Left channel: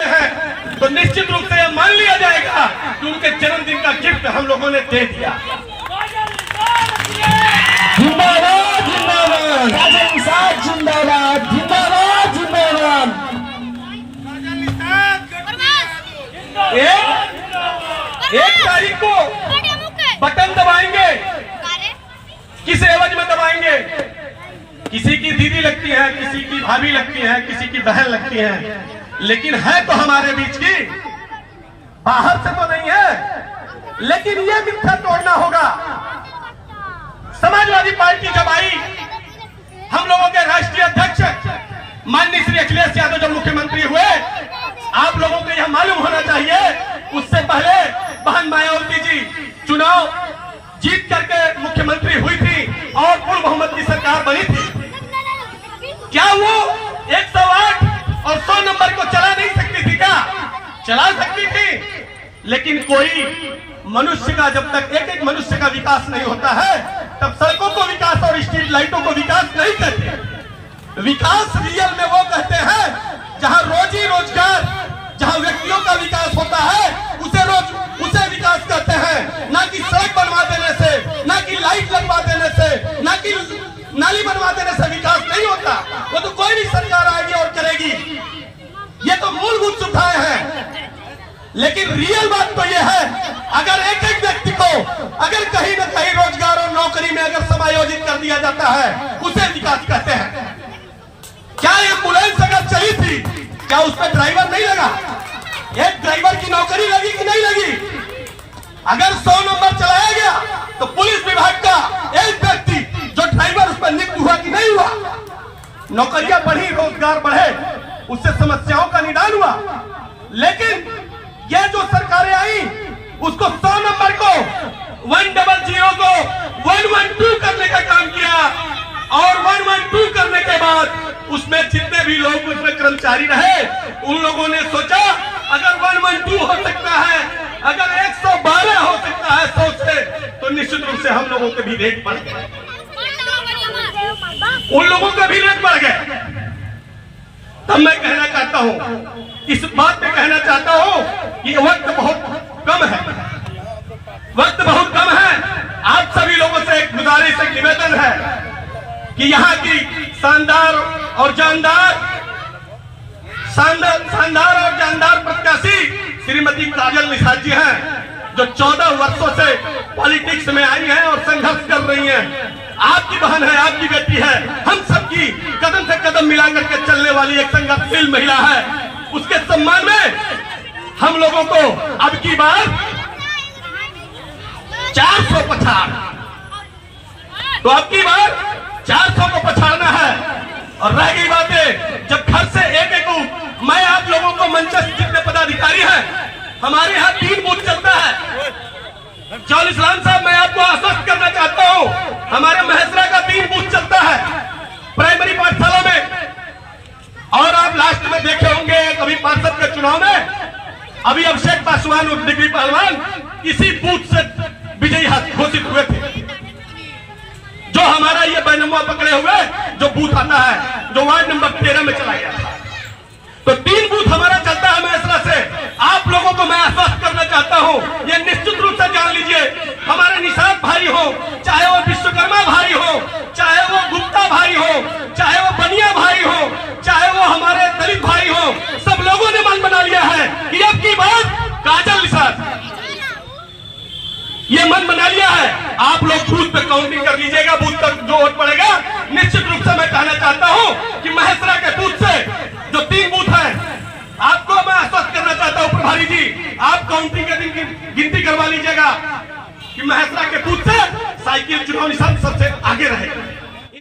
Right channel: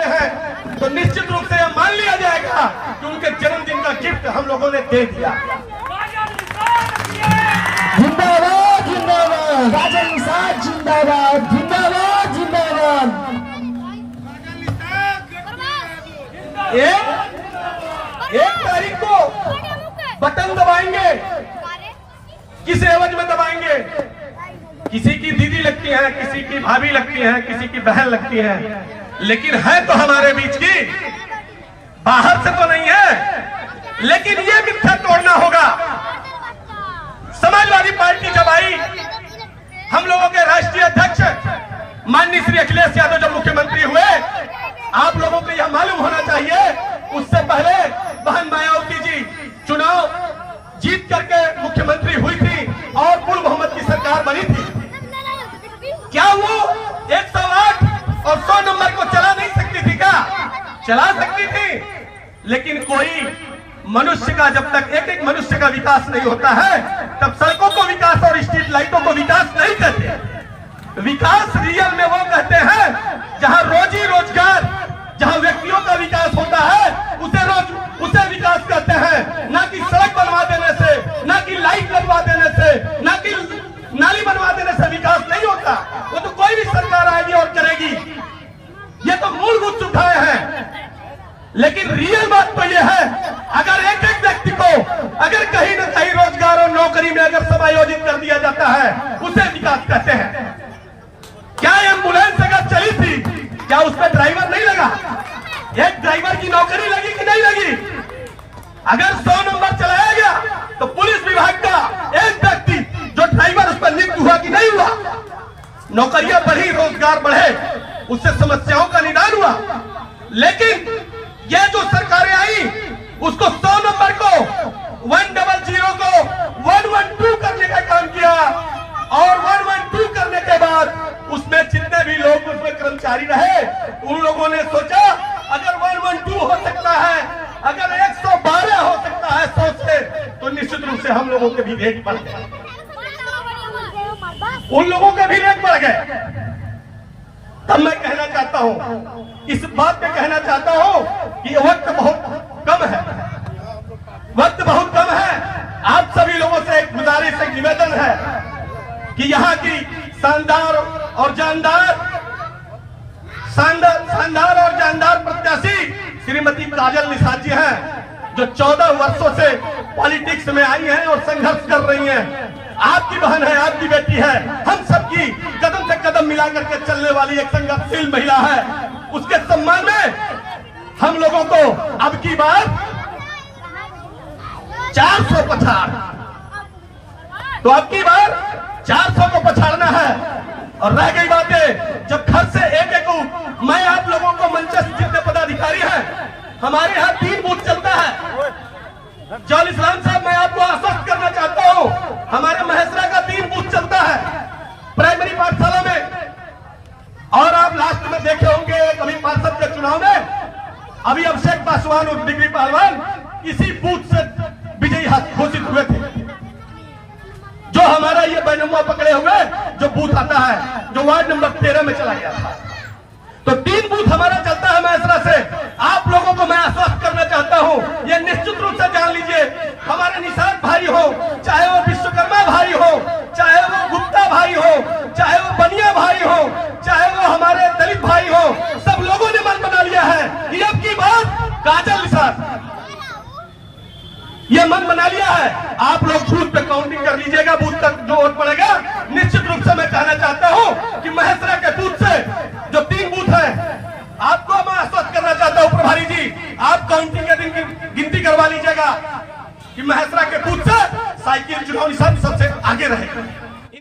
है तो निश्चित रूप से यह मान लिया जाएगा कि उनके जन्मदिन का गिफ्ट हम लोगों ने दे दिया। जिंदाबाद जिंदाबाद काजल निषाद जिंदाबाद जिंदाबाद जिंदाबाद। एक तारीख को बटन दबाएंगे, किस एवज में दबाएंगे? किसी की दीदी लगती है, किसी की भाभी लगती है, किसी की बहन लगती है, लेकिन है तो हमारे बीच की, बाहर से तो नहीं है। लेकिन ये मिथ्या तोड़ना होगा। समाजवादी पार्टी जब आई, हम लोगों के राष्ट्रीय अध्यक्ष माननीय श्री अखिलेश यादव जब मुख्यमंत्री हुए, आप लोगों को यह मालूम होना चाहिए उससे पहले बहन मायावती जी चुनाव जीत करके मुख्यमंत्री हुई थी और कुल मोहम्मद की सरकार बनी थी। क्या वो 108 और 100 नंबर को चला नहीं सकती थी? क्या चला सकती थी? लेकिन कोई मनुष्य का जब तक एक मनुष्य का विकास नहीं होता है तब सड़कों को विकास और स्ट्रीट लाइटों को विकास नहीं कहते। विकास रियल में वो कहते हैं जहां रोजी रोजगार, जहां व्यक्तियों का विकास होता है उसे विकास कहते हैं। ना कि सड़क बनवा देने से, ना कि लाइट लगवा देने से, ना कि नाली बनवा देने से विकास नहीं होता। वो तो कोई भी सरकार आएगी और करेगी। ये तो मूलभूत सुविधाएं हैं। लेकिन रियल बात तो ये है, अगर एक एक व्यक्ति को अगर कहीं ना कहीं रोजगार और नौकरी में अगर समायोजित कर दिया जाता है, उसे विकास कहते हैं। क्या एम्बुलेंस अगर चली थी, क्या उसमें ड्राइवर नहीं लगा? एक ड्राइवर की नौकरी लगी कि नहीं लगी? अगर 100 नंबर चलाया गया तो पुलिस विभाग का एक व्यक्ति जो ड्राइवर उस पर नियुक्त हुआ कि नहीं हुआ? नौकरियां बढ़ी, रोजगार बढ़े, उससे समस्याओं का निदान हुआ। लेकिन ये जो सरकारें आई, उसको 100 नंबर को 100 को 112 करने का काम किया और 112 करने के बाद उसमें जितने भी लोग उसमें कर्मचारी रहे, उन लोगों ने सोचा अगर 112 हो सकता है, अगर 112 हो सकता है 100 से, तो निश्चित रूप से हम लोगों के भी रेट बढ़ गए, उन लोगों के भी रेट बढ़ गए। तब मैं कहना चाहता हूं, इस बात पे कहना चाहता हूं कि वक्त बहुत कम है, वक्त बहुत कम है। आप सभी लोगों से एक गुजारिश, एक निवेदन है कि यहाँ की शानदार और जानदार प्रत्याशी श्रीमती काजल निषाद जी हैं, जो 14 वर्षों से पॉलिटिक्स में आई हैं और संघर्ष कर रही हैं। आपकी बहन है, आपकी बेटी है, हम सबकी कदम से कदम मिलाकर के चलने वाली एक संघर्षशील महिला है। उसके सम्मान में हम लोगों को अब की बार 400 पछाड़, तो अब की बार 400 को पछाड़ना है। और रह गई बातें, जब घर से एक मैं आप लोगों को मंचस्थ जितने पदाधिकारी हैं, हमारे यहाँ 3 बूथ चलता है। जौल इस्लाम साहब, मैं आपको आश्वस्त करना चाहता हूँ, हमारे महेसरा का 3 बूथ चलता है प्राइमरी पाठशाला में। और आप लास्ट में देखे होंगे कभी पार्षद के चुनाव में, अभी अभिषेक पासवान और डिग्री पहलवान इसी बूथ से विजयी घोषित हुए थे। जो हमारा ये बैनमुआ पकड़े हुए जो बूथ आता है, जो वार्ड नंबर 13 में चला गया था, तो 3 बूथ हमारा चलता है महेसरा से। आप लोगों को मैं आश्वस्त करना चाहता हूं, ये निश्चित रूप से जान लीजिए, हमारे निषाद भाई हो, चाहे वो विश्वकर्मा भाई हो, चाहे वो गुप्ता भाई हो, चाहे वो बनिया भाई हो, चाहे वो हमारे दलित भाई हो, सब लोगों ने मन बना लिया है कि अब की बात काजल निषाद, ये मन बना लिया है। आप लोग बूथ पे काउंटिंग कर लीजिएगा, बूथ तक जो वोट पड़ेगा। निश्चित रूप से मैं कहना चाहता हूं कि महेसरा के बूथ से जो 3 बूथ है, आपको मैं आश्वस्त करना चाहता हूं प्रभारी जी, आप काउंटिंग के दिन की गिनती करवा लीजिएगा कि महेसरा के बूथ से साइकिल चुनाव निशान सबसे आगे रहेगा।